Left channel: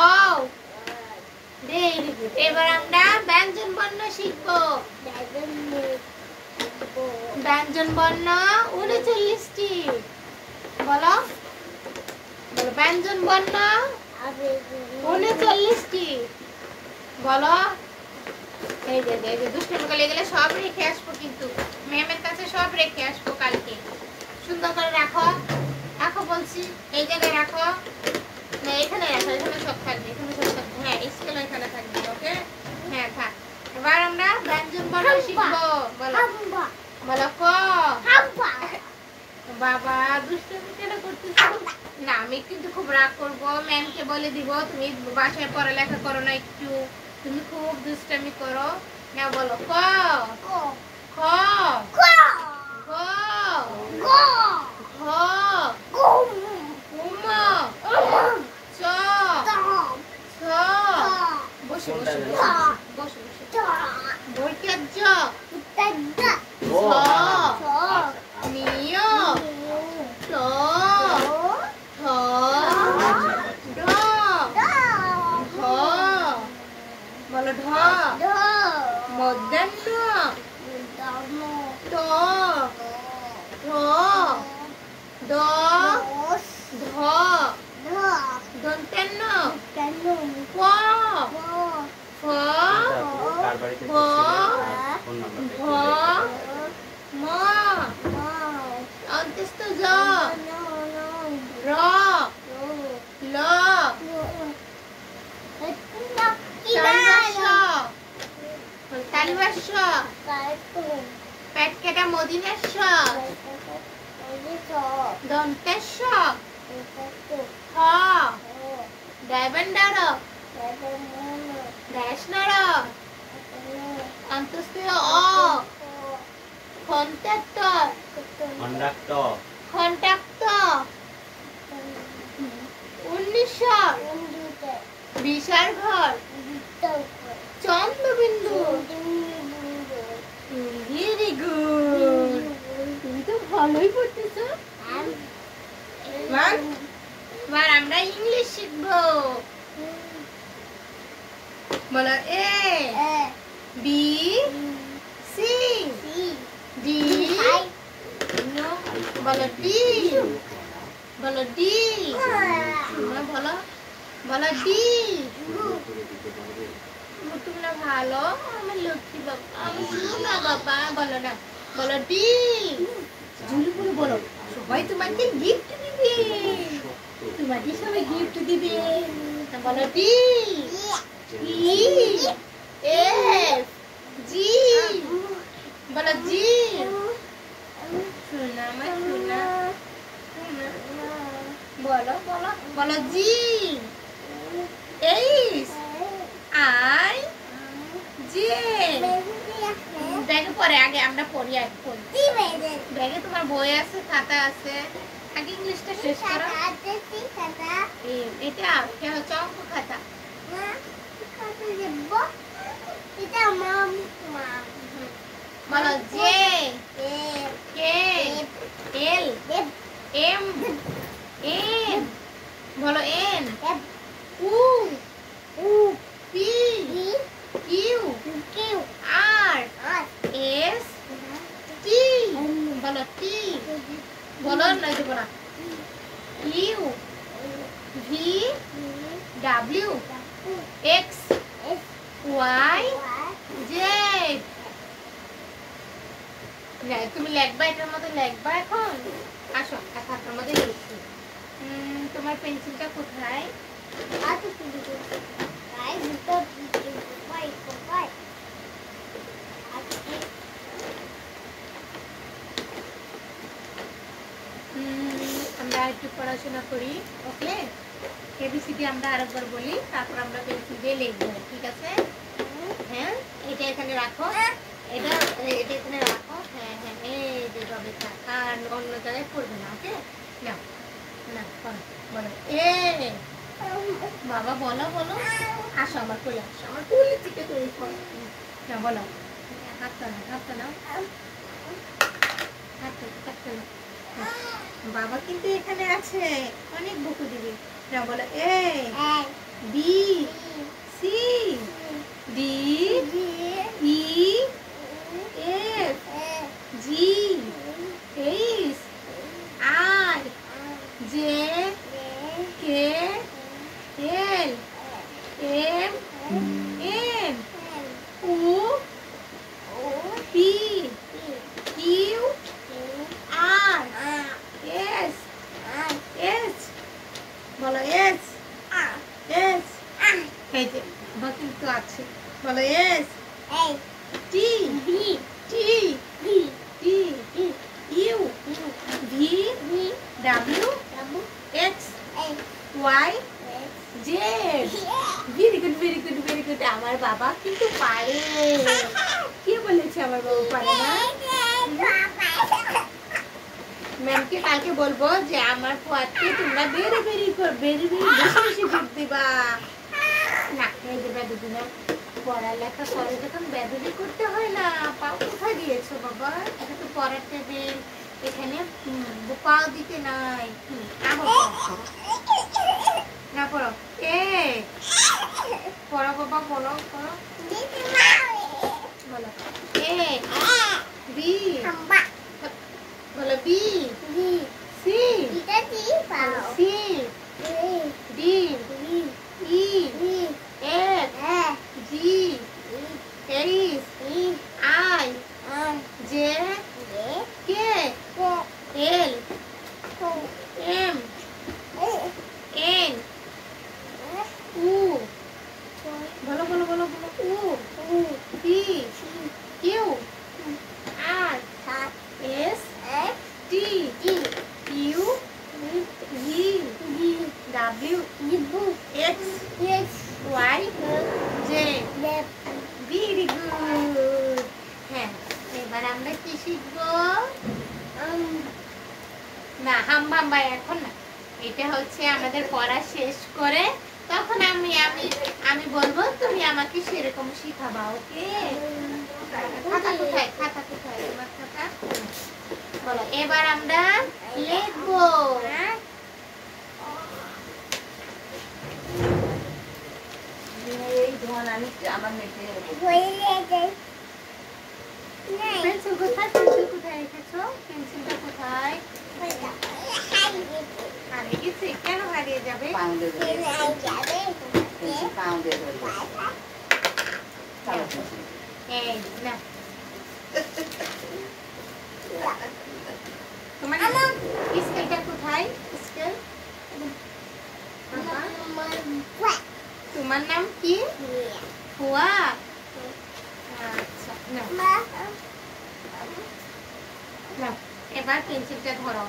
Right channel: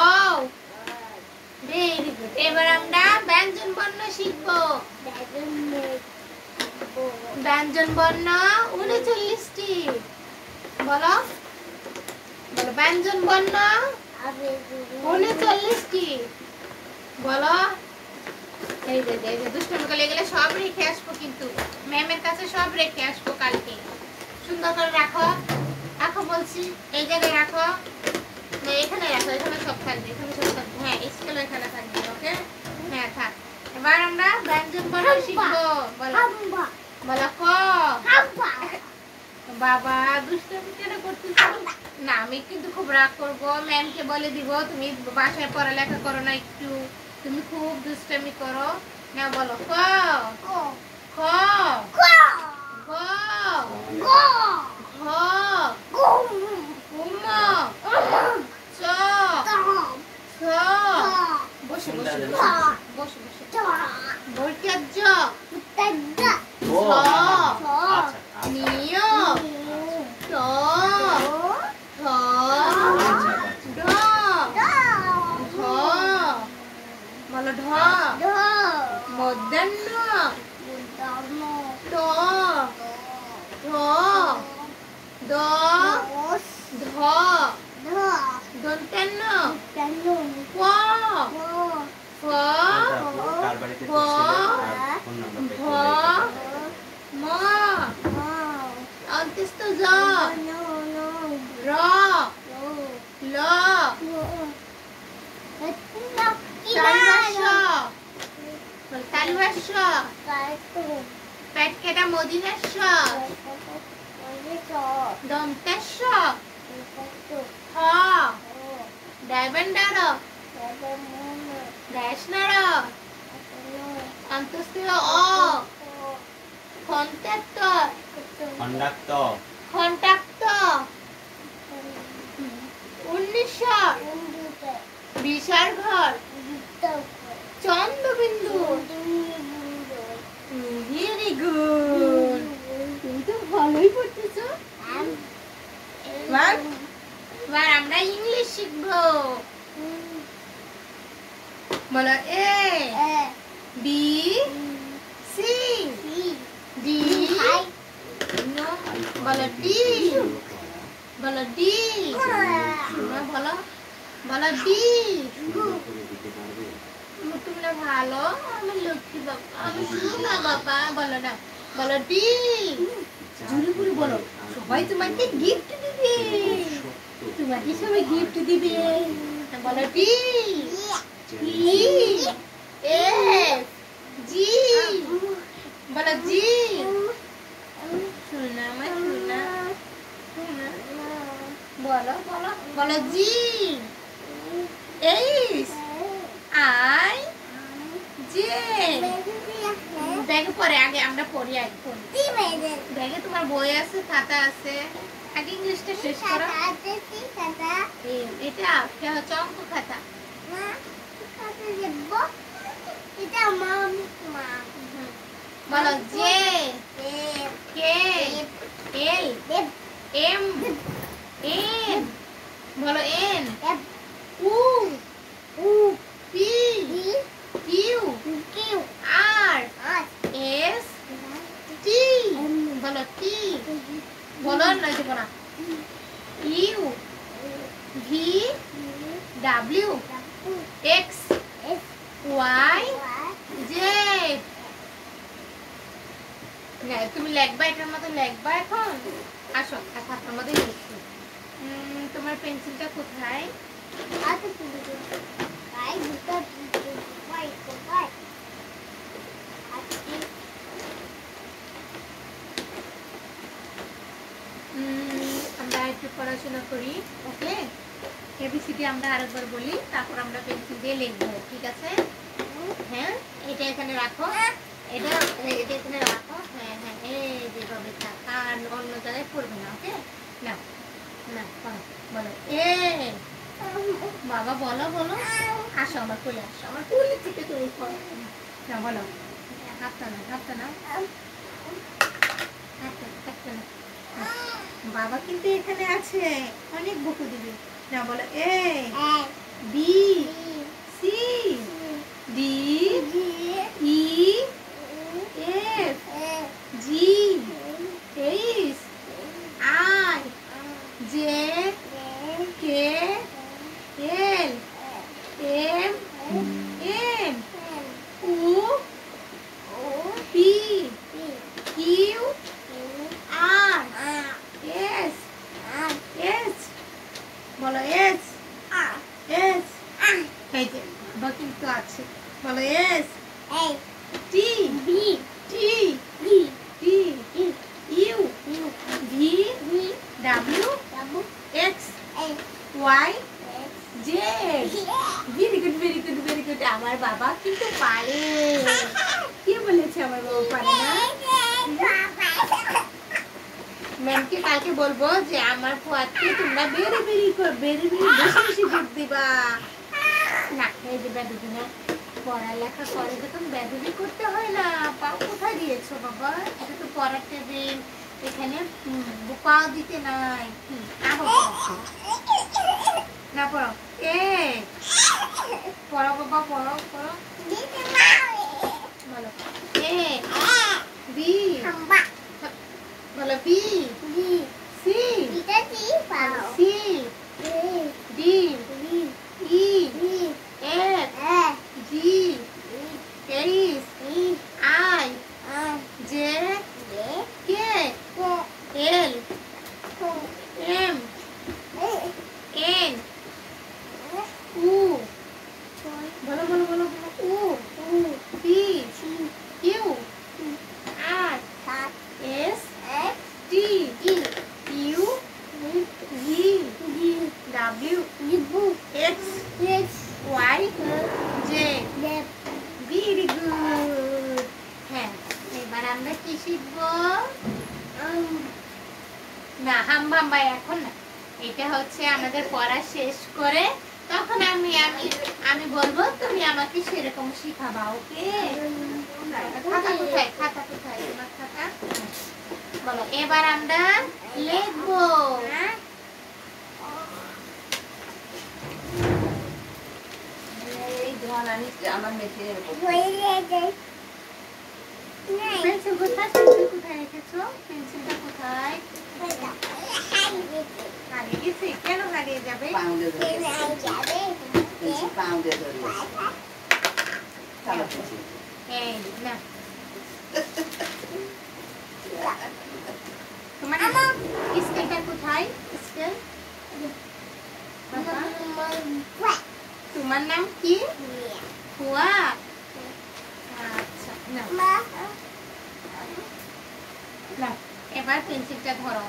ও very good. এবার আমরা ব্যঞ্জন বর্ণ শিখব। ব্যঞ্জন বর্ণ 39টি। বলো বলো ব্যঞ্জন বর্ণ 39টি। বলো। এই যে দুষ্টুমি করলে এগুলো সব রেখে আসবো, কিন্তু ম্যামের কাছে সব রেখে আসবো কালকে। সুন্দর করে রাখো, রাখো বলছি, এই জায়গায় রাখো, এখানে রাখো, এখানে সব থাকবে, এখানে সব থাকবে। হ্যাঁ স্কুলে এখানে থাকবে। ওকে হ্যাঁ থাক। এবার আমরা ব্যঞ্জন বর্ণ শিখবো। বলো বলো ক। বাবা দুষ্টুমি কেন করতেছো? না আমি কিন্তু খুব রাগ করবো, ম্যামকে বলে দিব তুমি বাসায় পড়ালেখা করো না একটু, তুমি খুব দুষ্টামি করো না। বলো ক খ গ ঘ উম চ ছ। বসে বসে বসে বসে বৈকার জ ছ নিয় ট ঠ ঢ ঢ। বলো ঢ মধ্যাহ্ন ট ঠ দ ধ দন্তান্ন প ফ ব ভ ম অন্তস্থ জ র ল তালবাস্য পেট কাটা মদিনাস্য দন্তাস্য হ ডায়মন্ডার গ্যাসনার অন্তস্থ অ কন্ট্রাক্টর কন্ট্রাক্টর 1900 বিশাল ঘর চন্দ্রবিন্দু। ভেরি গুড, তুমি তো ভালোই পড়তেছো। এবার আমরা ইংলিশ শিখবো। বলো এ বি সি ডি। বলো ডি বলো ডি। বলো বলো ডি। তোমরা ভালো, আমার লক্ষ্মী বাবা, আমি শুনা বাবা। বলো না বলো ডি। ঝুলুপুরি বলো, সবাই তোমাকে গিফট দিবে, তোমাকে সবাই গিফট দিবে। বলো ডি ই এফ জি। বলো জি। শোনা আমার শোনা, বলো বলো বলো জি এইচ আই জে। ব্যাগে পরে আগে আমরা পড়ি, আগে পড়ি। ব্যাগে তোমার বই আছে, খাতা আছে, আগে ইংলিশটা শেষ করো। এটা হচ্ছে অঙ্ক খাতা। বলো J K L M N. বলো এন উ P Q R S T. বলো টি। বলো না দেব না। U V W X Y Z. তুমি লেখবা, এটার মতো লেখবা এখন। আসো খাতার মধ্যে লিখছি। তোমার পেন্সিলটা কোথায়? আমরা একটু পড়াশোনা করি। ওকে এবিসিডি আমরা আরেকবার বলি, তারপর আমরা পেন্সিল দিয়ে লিখবো। ঠিক আছে? হ্যাঁ এটা এখানে রাখো, এটা এখানে রাখো। হ্যাঁ হ্যাঁ এই যেভাবে থাক, আর অন্য জায়গায় পড়বে না। ওকে না না বলো এ বাবা। বলো বলো আসো আমার কোলে, আসো আমার কোলে থেকে তুমি না। বলো হাতটা নাও, হাতটা নাও, হাতটা নাও। বাবা কিন্তু এখানে আছে, অনেক বকু দিবি না। বলো এ B C D E F G H I J K L M N O P Q R S S বলো S S এই যে বাকি তো আছে বলো S T T T U V W X Y Z very good আমার বাবা কিন্তু পারে কে বলেছে আমার বাবা পারে না ম্যামকে কালকে বলবো যে আমার ফুয়াদকে তোমরা বেরি বেশি গিফট দিবা না এই যে দুদিন পড়ালেখা করে যখন বেরি করতে হয় না পাও কোথায় দিয়েছো বাবা এটা তো পড়ার টেবিল এখানে পাও দিতে নাই না পড়ো এ পড়ো বাবা পড়ো বলো এ বি বলো B C C D E F G H I J K L M N উ বলো উ P Q R S T U G W X Y J very good হ্যাঁ এবার আমরা কি শিখবো না হাম্বা এখন না এটা হচ্ছে আমাদের পড়া শেষ করে তখন আমি বলবো তুমি আমাকে সেরকম শিখাবা ওকে খাতা কোথায় তোমার খাতা বলো এবার আমরা লিখবো পেন্সিল কোথায় রেখেছো পেন্সিলটা কোথায় কেন হারিয়ে যাবে তোমার স্কেলটা কোথায় স্কেল তোমার নাম কি ফুয়া আচ্ছা না এবার পেন্সিলটা ধরো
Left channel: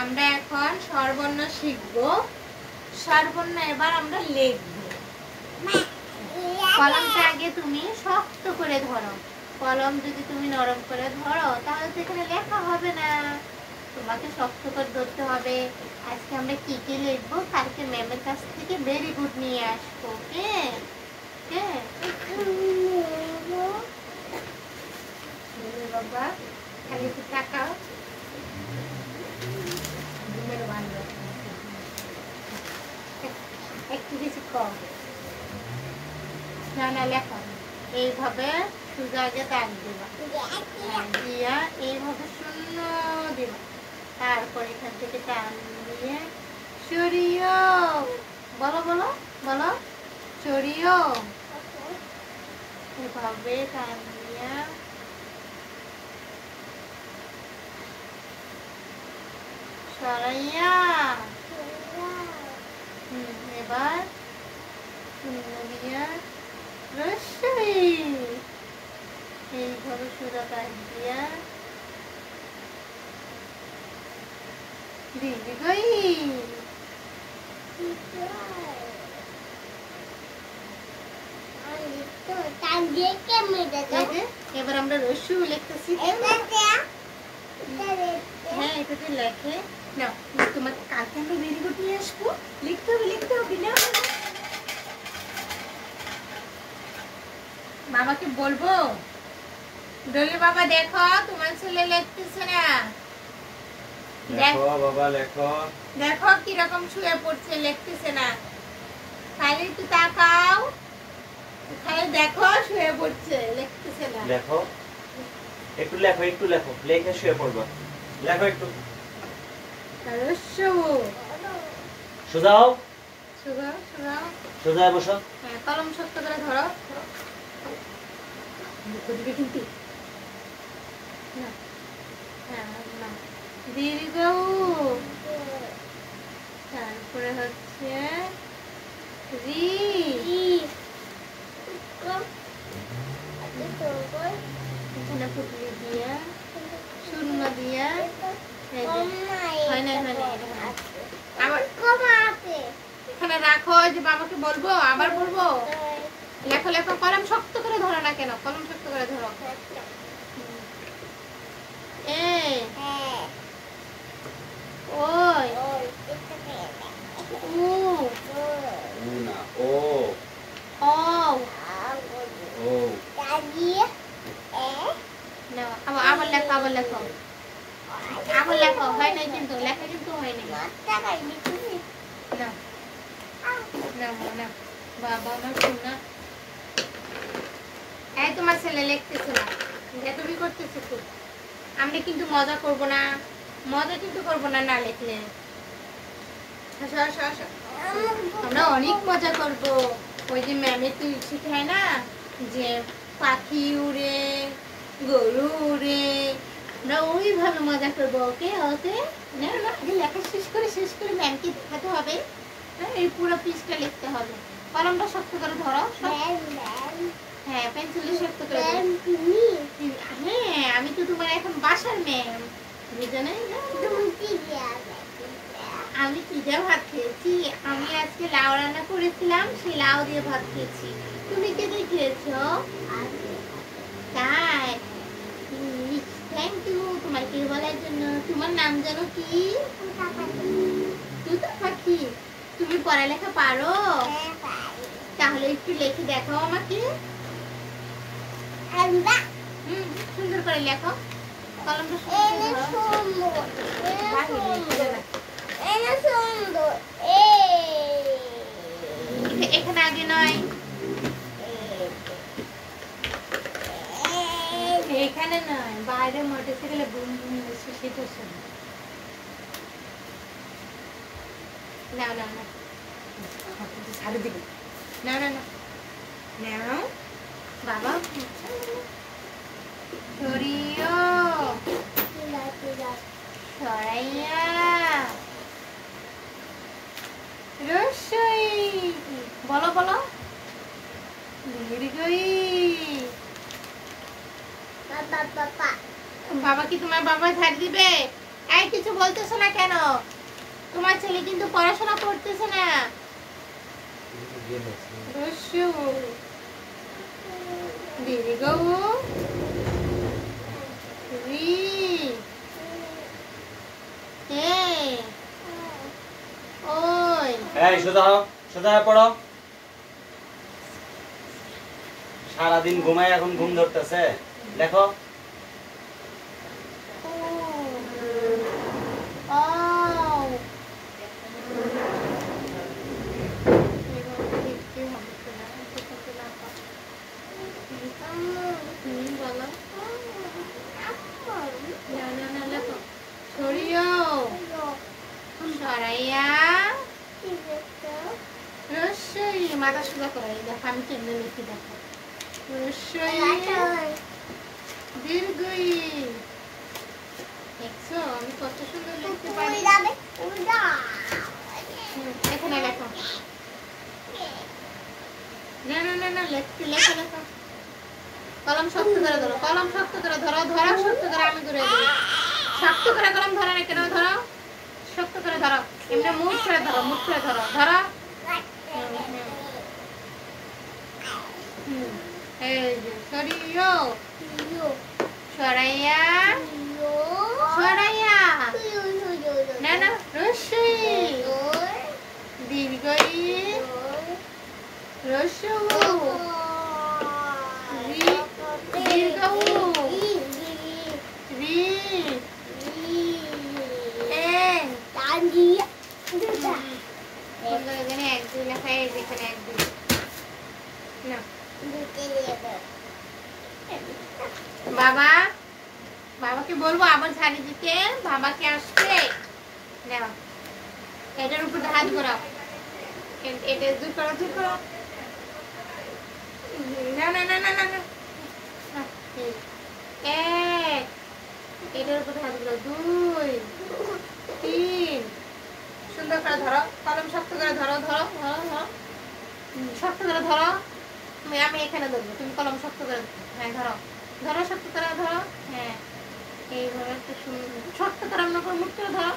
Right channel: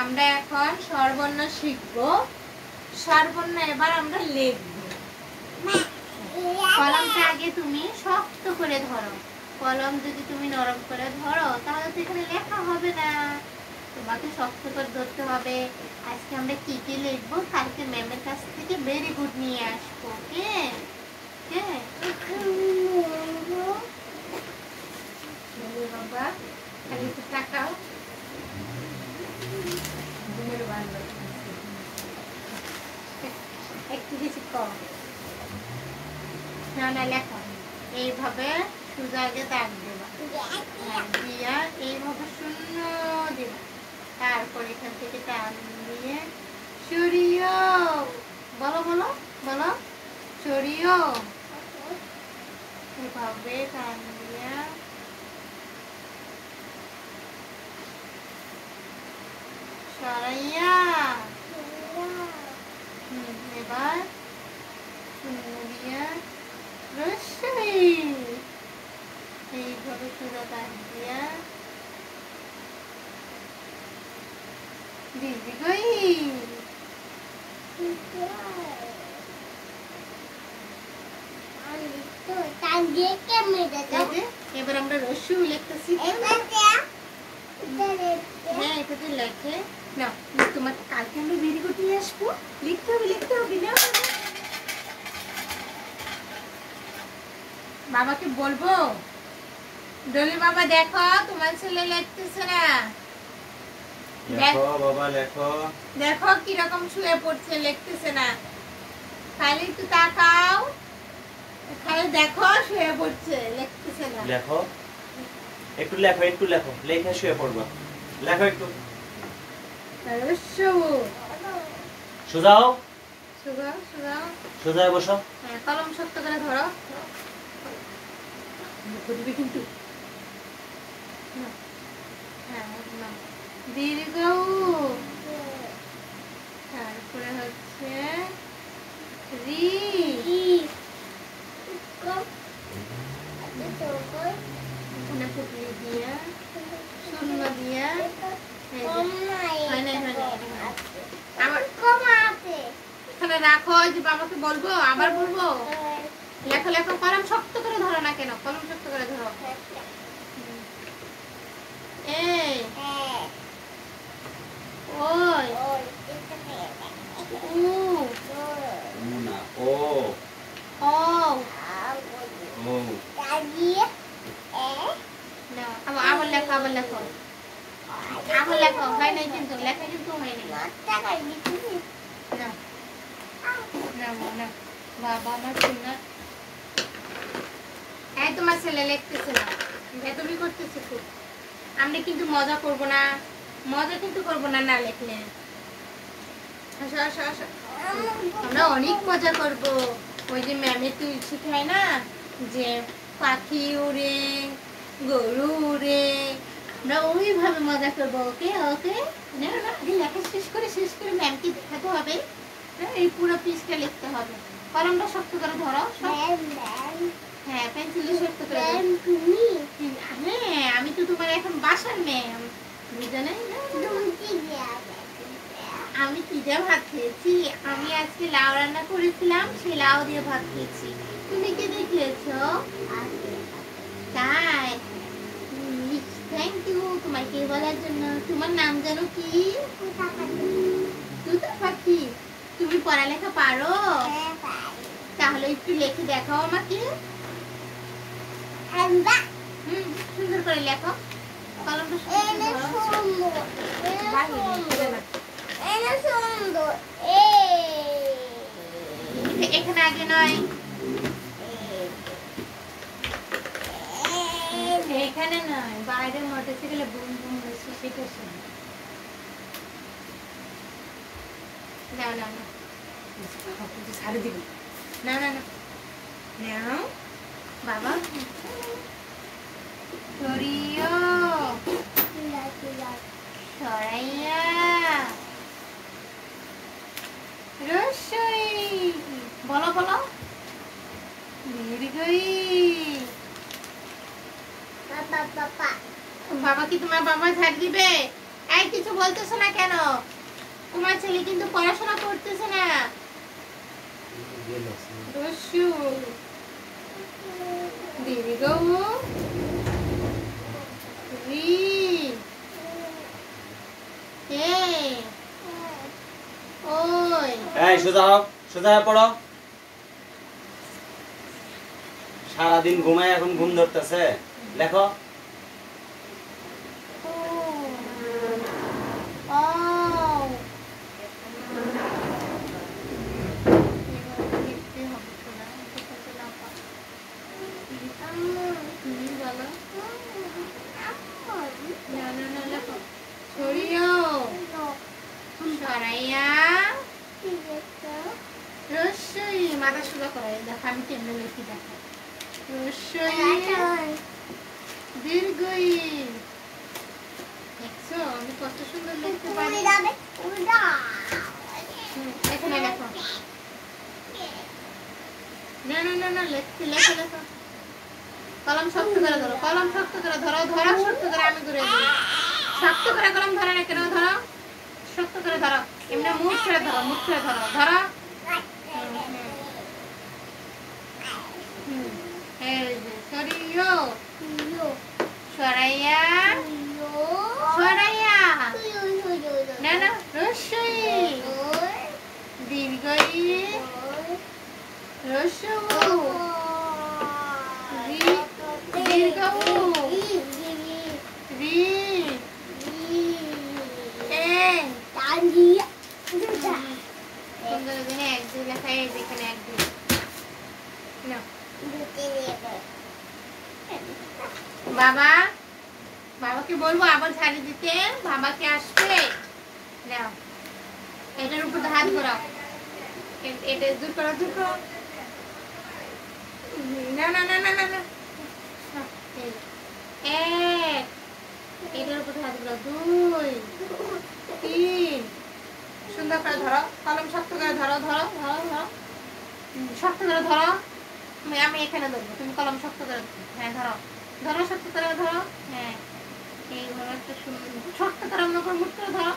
আমরা এখন স্বরবর্ণ শিখবো স্বরবর্ণ এবার আমরা লিখবো কলমটা আগে তুমি শক্ত করে ধরো কলম যদি তুমি নরম করে ধরো তাহলে তো এখানে লেখা হবে না তোমাকে শক্ত করে ধরতে হবে আজকে আমরা কি কি লিখবো কালকে ম্যামের কাছ থেকে ভেরি গুড নিয়ে আসবো কে বাবা খালি একটু তাকাও একটু কিছু কম না লেখা এইভাবে সোজা আগে দাগ দেবা দিয়া এইভাবে শূন্য দেবা তারপর এখান থেকে টান দিয়ে সরিয়ে বলো সরিয়ে এভাবে টান দিয়া সরাইয়া এবার শূন্য দিয়া রসই এইভাবে চূড়া কাট দিয়া দিদি গই এবার আমরা রসু লিখতেছি হ্যাঁ এটাতে লেখে না তোমার কালকে আমরা ভেরি গুড নিয়ে আসবো লিখতে হবে না বাবাকে বলবো ডলি বাবা দেখো তোমার ছেলে লিখতেছে না দেখো বাবা লেখো দেখো কি রকম শুয়ে পড়ছে লিখতেছে না তাই খালি একটু তাকাও, খালি দেখো শুয়ে পড়ছে, লিখতেছে না। লেখো একটু, লেখো একটু, লেখো লেখে শুয়ে পড়বো। লেখো একটু। সোজা হও, সোজা হয়ে বসো। হ্যাঁ, কলম শক্ত করে ধরো। কিন্তু দীর্ঘ তারপরে হচ্ছে রি, এখানে পুটলি দিয়া শূন্য দিয়া এখানে রাখো। ওই যে বাবাকে বলবো, আবার বলবো। লেখো লেখো, কলম শক্ত করে ধরো না কেন, কলম শক্ত করে ধরো। এই ওই উ না ও ও ও না, আবার লেখো, আবার লেখো, আবার লেখো। হয় নাই কিন্তু, লেখা কিন্তু হয় নাই। না বাবা আমার শোনা। এই তোমার ছেলে লিখতেছে না, তুমি করতেছো খুব। আমরা কিন্তু মজা করব না, মজা কিন্তু করবো না না লিখলে। আসো আসো আসো, আমরা অনেক মজা করব। ওই যে ম্যামে তুই শিখায় না যে পাখি উড়ে, গরু উড়ে, আমরা ওইভাবে মজা করবো। ওকে ওকে, না না, লেখা শেষ করে ম্যামকে দেখাতে হবে। এই পুরো পিসটা লিখতে হবে। কলমটা শক্ত করে ধরো। হ্যাঁ, পেন্সিল শক্ত করে ধরো। হ্যাঁ, আমি তো তোমার এখন বাসার ম্যাম, বুঝলে? আমি কি দিয়ে ভাত খেয়েছি? আমি আজকে লাউ রান্না করেছিলাম, সেই লাউ দিয়ে ভাত খেয়েছি। তুমি কি দিয়ে খেয়েছো? তাই, থ্যাংক ইউ তোমাকে বলার জন্য। তোমার নাম জানো কি? তুতা পাখি। তুমি পড়ালেখা পারো? তাহলে একটু লিখে দেখাও আমাকে। সুন্দর করে লেখো। কলমটা এখানে আগে নয়, এখানে নয়, বাইরে মোটরসাইকেলে বুম বুম বসে সেটা শোনো। না না না, ছাড়ে দিবি। না না না, নাও বাবা। সরিও, সরাইয়া, রসই, বলো বলো, দীর্ঘই। বাবা কি তোমার বাবা ঝাড় দিবে? এই কিছু বলতেছো না কেন? তোমার ছেলে কিন্তু পড়াশোনা করতেছে না। রসু, দীর্ঘ, রি, ওই। এই সোজা হও, সোজা হয়ে পড়ো। সারাদিন ঘুমায়, এখন ঘুম ধরতেছে। লেখো। মাথা সোজা করে দেখো, আমি কেমনে লিখি দেখো। দীর্ঘই, দেখছো আমি কত সুন্দর লিখতে পারি। এখানে লেখো। না না না না, লেখো লেখো লেখো। কলম শক্ত করে ধরো, কলম শক্ত করে ধরো, ধরা শক্ত করে, আমি করে দিই। শক্ত করে কলম ধরে না কেন? ধরো, শক্ত করে ধরো, এমনি মুখ করে ধরো, মুখ করে ধরো, ধরো। এই যে সরিও, সরাইয়া, সরাইয়া, না না, রসই, দীর্ঘই, রসু, দীর্ঘ, রি, এখানে এক দুই লেখা, এখানে এক দুই বাবা বাবাকে বলবো আবার ঝাড়ি দিতে, বাবাকে আসছে নাও, এটার উপর হাত ঘোরাও, এটা দূর করো দূর করো, না না না না না না, এক, এটার উপর হাত ঘোরাও, 2 3, সুন্দর করে ধরো, কলম শক্ত করে ধরো ধরো ধরো ধরো, শক্ত করে ধরো, আমি এখানে ধরবো, তুমি কলম শক্ত করে, হ্যাঁ ধরো ধরো, শক্ত করে ধরো, হ্যাঁ এইভাবে একটু শক্ত করে অন্য করে মুখ করে ধরো,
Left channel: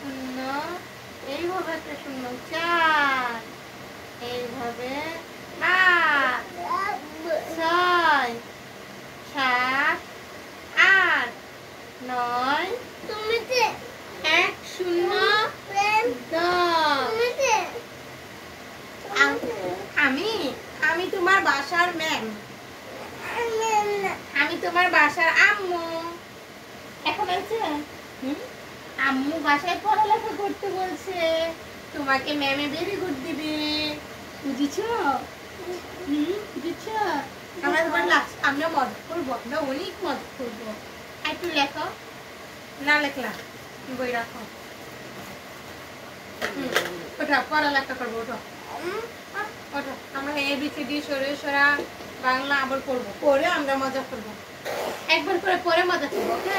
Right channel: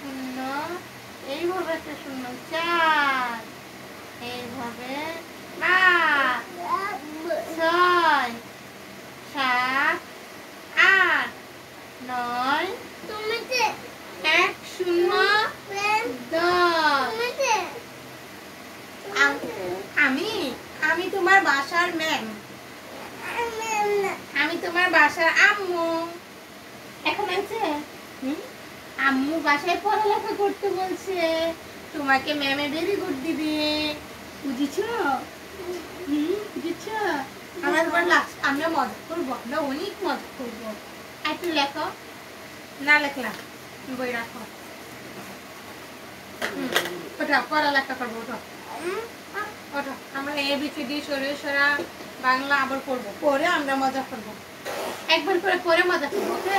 সুন্দর, এইভাবে একটা সুন্দর 4, এইভাবে 5 6 7 8 9, তুমি 1 0 10। আমি আমি তোমার বাসার ম্যাম, আমি তোমার বাসার আম্মু। এখন আছে আম্মু বাসায় পড়ালেখা করতে বলছে, তোমাকে ম্যামে ভেরি গুড দিবে, বুঝেছো? বুঝেছো? আমরা মজা করবো, আমরা অনেক মজা করবো। একটু লেখো, না লেখলাম বই রাখো, ওটা পড়ালেখা করবো, ওটা ওটা আমরা ABCD সরা বাংলা আবার পড়বো, পরে আমরা মজা করবো, একবার করে পরে মজা করবো, ওকে?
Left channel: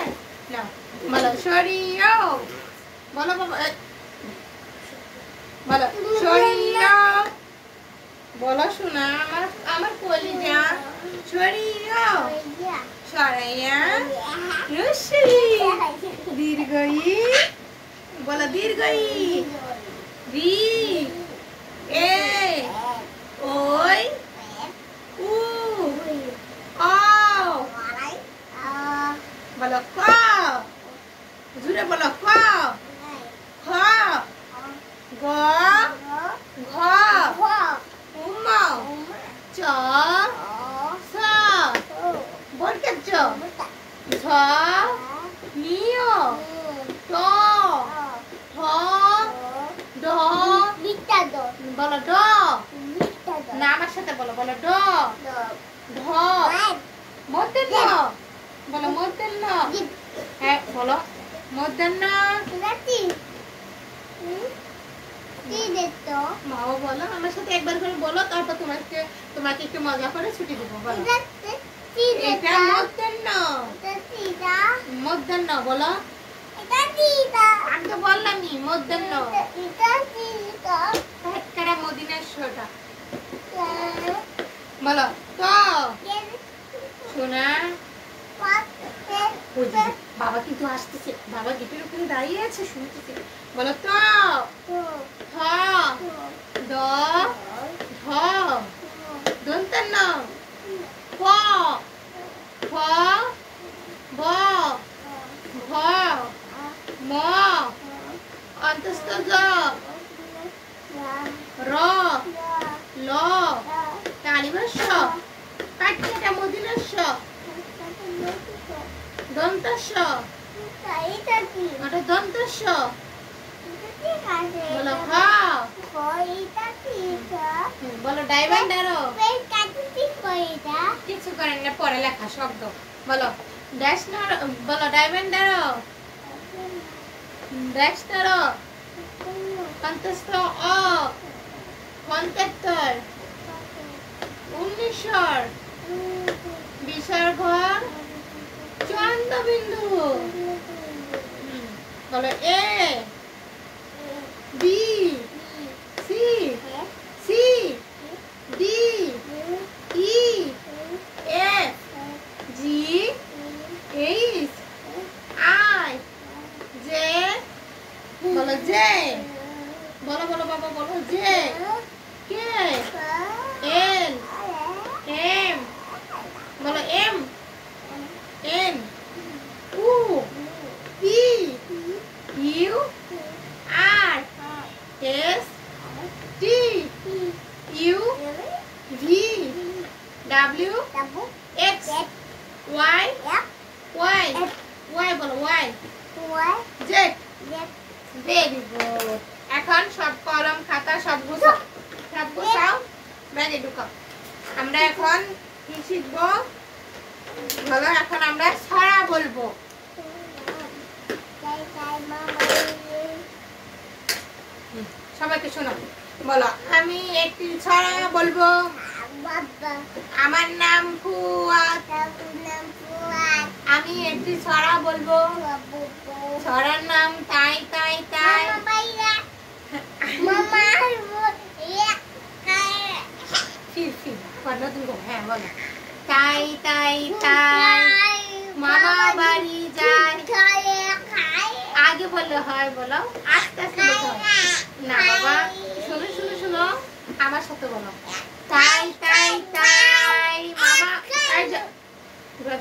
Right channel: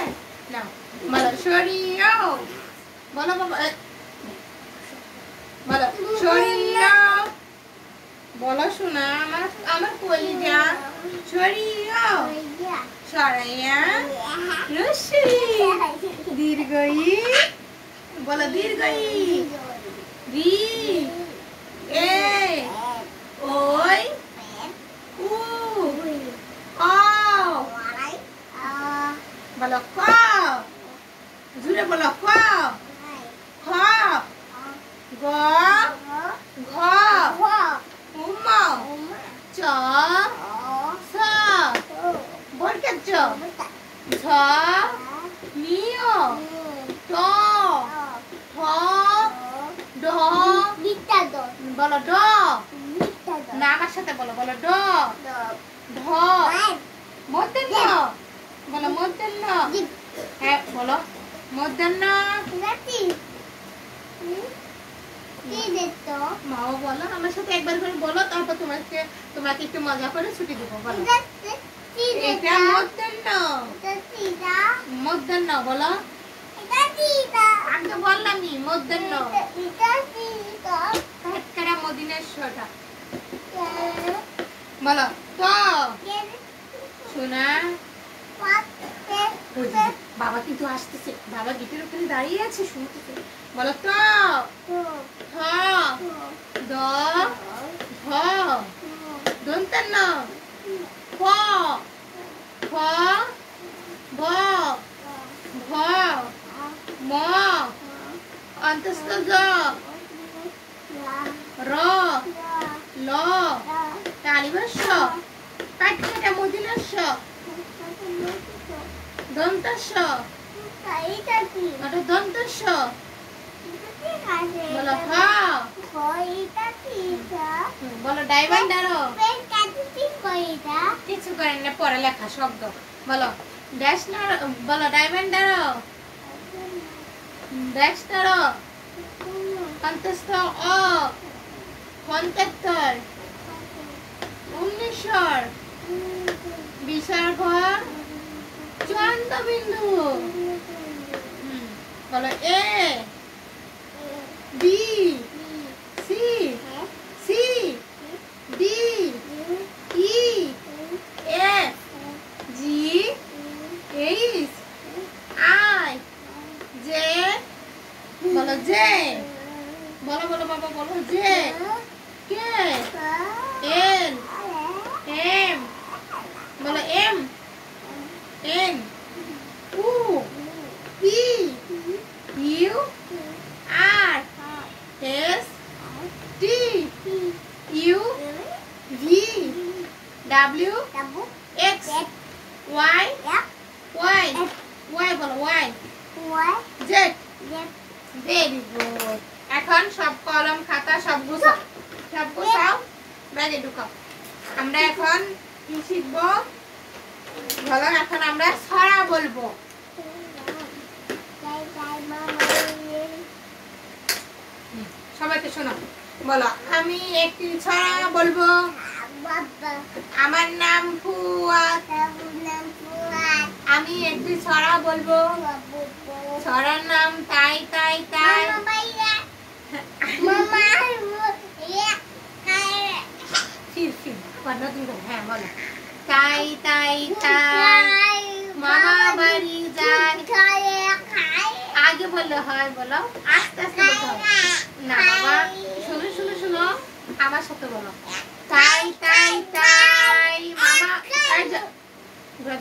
না বলো সরিয়াও, বলো বাবা, বলো সরিয়াও, বলো শোনা আমার আমার কলিজা, সরিয়াও, সরাইয়া রশি, দীর্ঘই, বলো দীর্ঘই, রি এ ওই উ অ, বলো ক, জুড়ে বলো ক, খ, গ, ঘ, উম, চ, ছ, বর্গের চ, ঝ, নিয়, ট, ঠ, ড, বলো ড, না আমার সাথে বলো, বলো ড, ঢ, মধ্যাহ্ন, বলো মধ্যাহ্ন, হ্যাঁ বলো মধ্যাহ্ন, মাও বলো আমার সাথে একবার করে বলো, তারপর তোমাকে একটু মজা করে ছুটি দেবো, বলো এটা মধ্যাহ্ন, মধ্যাহ্ন বলো, আমি তো বললামই মধ্যাহ্ন, কাটকাটা মদিনার শোটা বলো তো শোনা, বাবা কিন্তু আসতেছে, বাবা গেটের ওখানে দাঁড়িয়ে আছে, শুনতেছে, বলো তো থ, দ, ধ, দন্তান্ন, প, ফ, ব, ভ, ম, অন্তস্থ জ, র, ল, কালিবর্ষ, কাটকাটা মদিনার শ, দন্তস্ব, ওটা দন্তস্ব, বলো খ, বলো ডাইভান্ডারো, কিছু করেন না, পড়ালেখা শব্দ, বলো ড্যাশনার, বলো ডাইভান্ডারো, ড্যাশনারো, অন্তস্থ অ, পঞ্চাত্তর, 1900, বিসর্গ, চন্দ্রবিন্দু, বলো A B C C D E F G H I J, বলো জে, বলো বলো বাবা বলো জে, কে এল এম, বলো এম এন উ P U R S T U V W X Y Y Y, বলো ওয়াই জেড, ভেরি গুড। এখন সব কলম খাতা সব গুছাও ব্যাগে ঢুকাও। আমরা এখন কি শিখবো? বলো এখন আমরা ছড়া বলবো। সবাইকে শোনো, বলো আমি একটি ছড়া বলবো। আমার নাম ফুয়াদ, আমি একটি ছড়া বলবো। ছড়ার নাম তাই তাই তাই। হ্যাঁ বলো, তাই তাই তাই মামা বাড়ি যায়। আগে বললে হয়, বলো আস্তে আস্তে বলতে হয়। না বাবা, শুনো শুনো শুনো, আমার সাথে বলো, তাই তাই তাই মামা।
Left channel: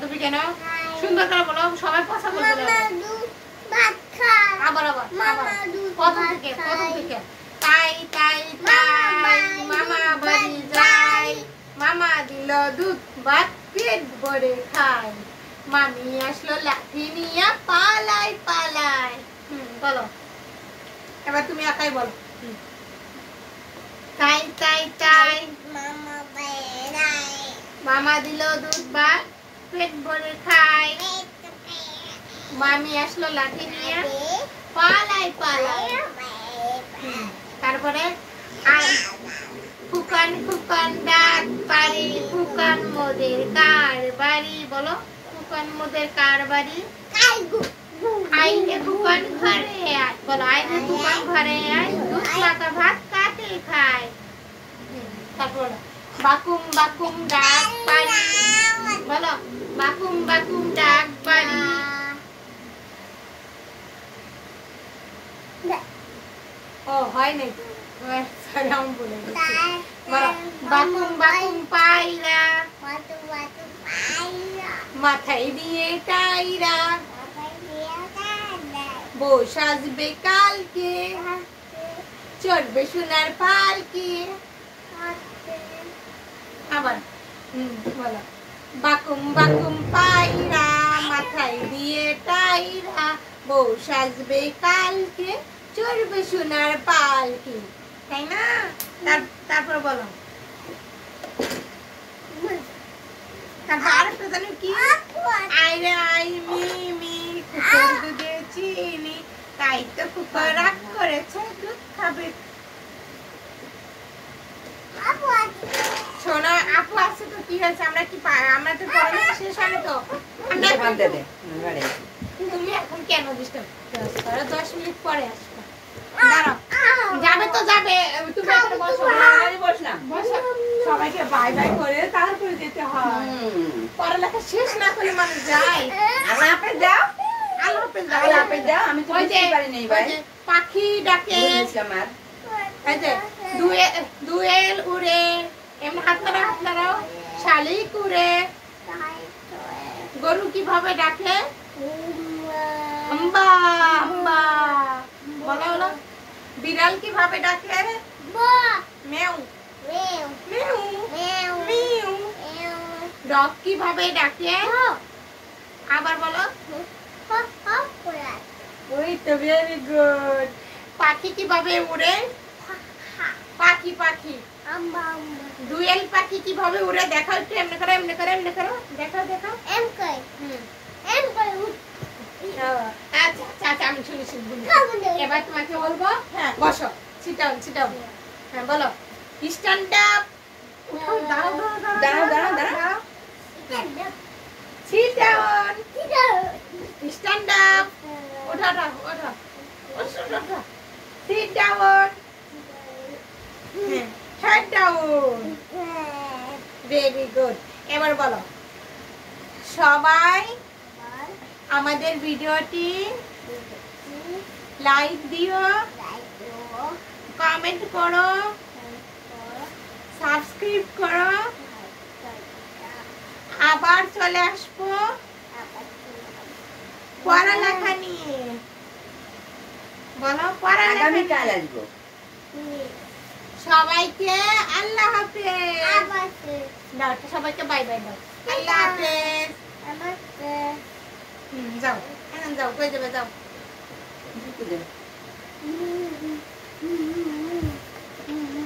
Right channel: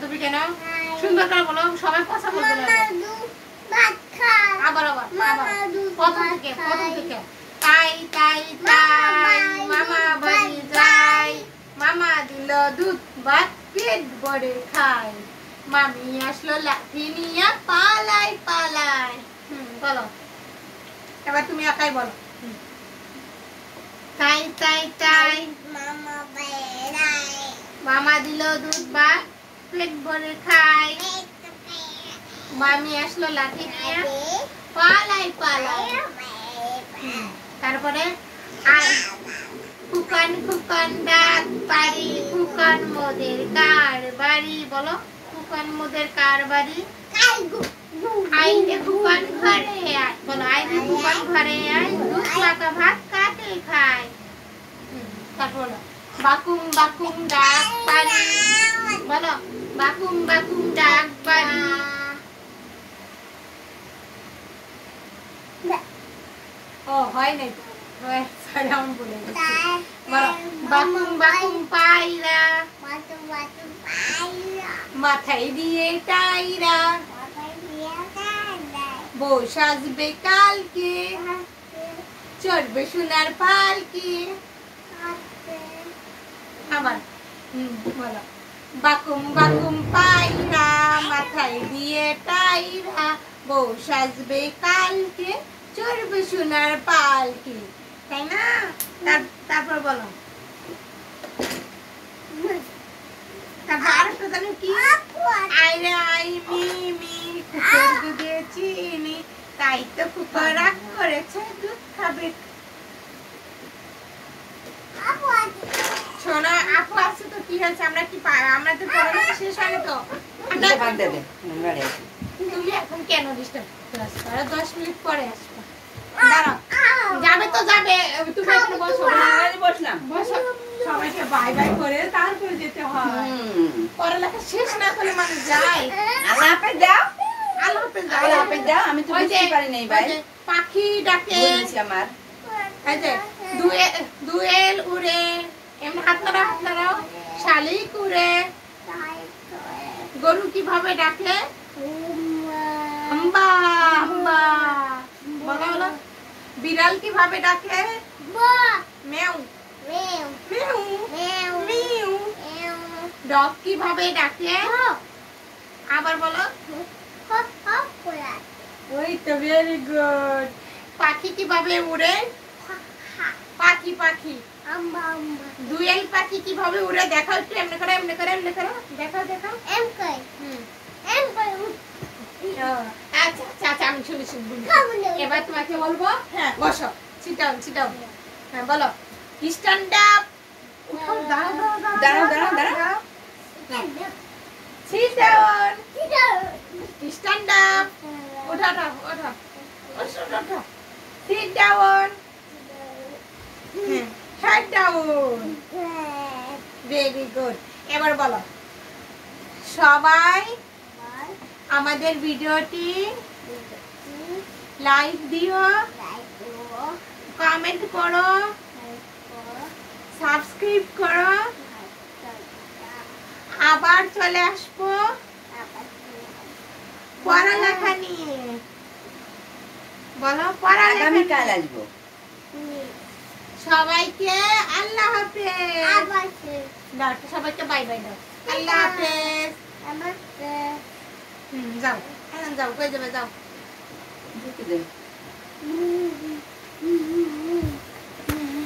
তুমি কেন সুন্দর করে বলো, সবাই পছন্দ করবে। আবার আবার প্রথম থেকে তাই তাই তাই মামা বাড়ি যায়। মামা দিল দুধ ভাত পেট ভরে খায়। মামি আসলো লাঠি নিয়ে পালাই পালাই। বলো এবার তুমি একাই বলো, তাই তাই তাই মামা দিল দুধ ভাত পেট ভরে খায়। মামি আসলো লাঠি নিয়ে পালাই পালাই। তারপরে ফুকান ফুকান ডাক বাড়ি, ফুকান মোদের কার বাড়ি। বলো ফুকান মোদের কার বাড়ি। আইনে ফুকান ঘরে আয়। বলো আইনে ফুকান ঘরে আয়, দুধ মাখা ভাত কাটে খায়। তারপর বাকুম বাকুম ডাক বাড়ি। বলো বাকুম বাকুম ডাক বাড়ি। ও হয় নাই তো, সালাম বলে গেছি। বলো বাকুম বাকুম পায়রা, মাথায় দিয়ে টাইরা। বউ সাজবে কালকে, চড়বে সোনার পালকি। আবার বলো বাকুম বাকুম পায়রা, মাথায় দিয়ে টাইরা। বউ সাজবে কালকে, চড়বে সোনার পালকি। তাই না? তারপর বলো কি, আইরে আই মিমি কুকুর দুধে চিনি। তাই তো কুকুর রাগ করেছে, দুধ খাবে। শোনো আপু আছে তো কি হয়েছে, আমরা কি আমরা তো পড়ালেখা শেষ হয়নি তো। তুমি এখন কেন ডিস্টার্ব করো? 10 মিনিট পরে আসবে। যাবে তো যাবে, তুমি এখানে বসো। বসো, সবাইকে বাই বাই করে তারপরে যেতে হয়। পড়ালেখা শেষ না করলে মানুষ যায়। আল্লাহ হাফেজ দাও, আল্লাহ হাফেজ দাও, আল্লাহ হাফেজ দাও। আমি তো বুঝতে পারি নাই ভাই, পাখি ডাকে আমার এই যে দুয়েল উড়ে, এমন হাত নাড়াও। শালিক উড়ে। গরু কিভাবে ডাকে? আম্বা আম্বা। বলো বলো। বিড়াল কিভাবে ডাকে? মেউ মেউ মেউ। ডগ কিভাবে ডাকে? আবার বলো। ওই তো ভেরি গুড। পাখি কিভাবে উড়ে? পাখি পাখি। দুয়েল পাখি কিভাবে উড়ে দেখাও একটু, এমনি করো এমনি করো এমনি করো, দেখাও দেখাও। আচ্ছা আচ্ছা আমি শুনি শুনবো। এবার তোমাকে বলবো, হ্যাঁ বসো, সিট ডাউন সিট ডাউন। হ্যাঁ বলো স্ট্যান্ড আপ। দাঁড়াও দাঁড়াও দাঁড়াও দাঁড়াও। Sit down. Stand up. ওঠো ওঠো ওঠো ওঠো। Sit down. Head down. Very good. এবার বলো সবাই আমাদের ভিডিওটি লাইক দিও, কমেন্ট করো, সাবস্ক্রাইব করো। আবার চলে আসবো পড়ালেখা নিয়ে। বলো পড়ালেখা। আগামীকাল আসবো। সবাইকে আল্লাহ হাফেজ দাও, সবাইকে বাই বাই দাও। আল্লাহ হাফেজ। যাও যাও, কই যাবে যাও।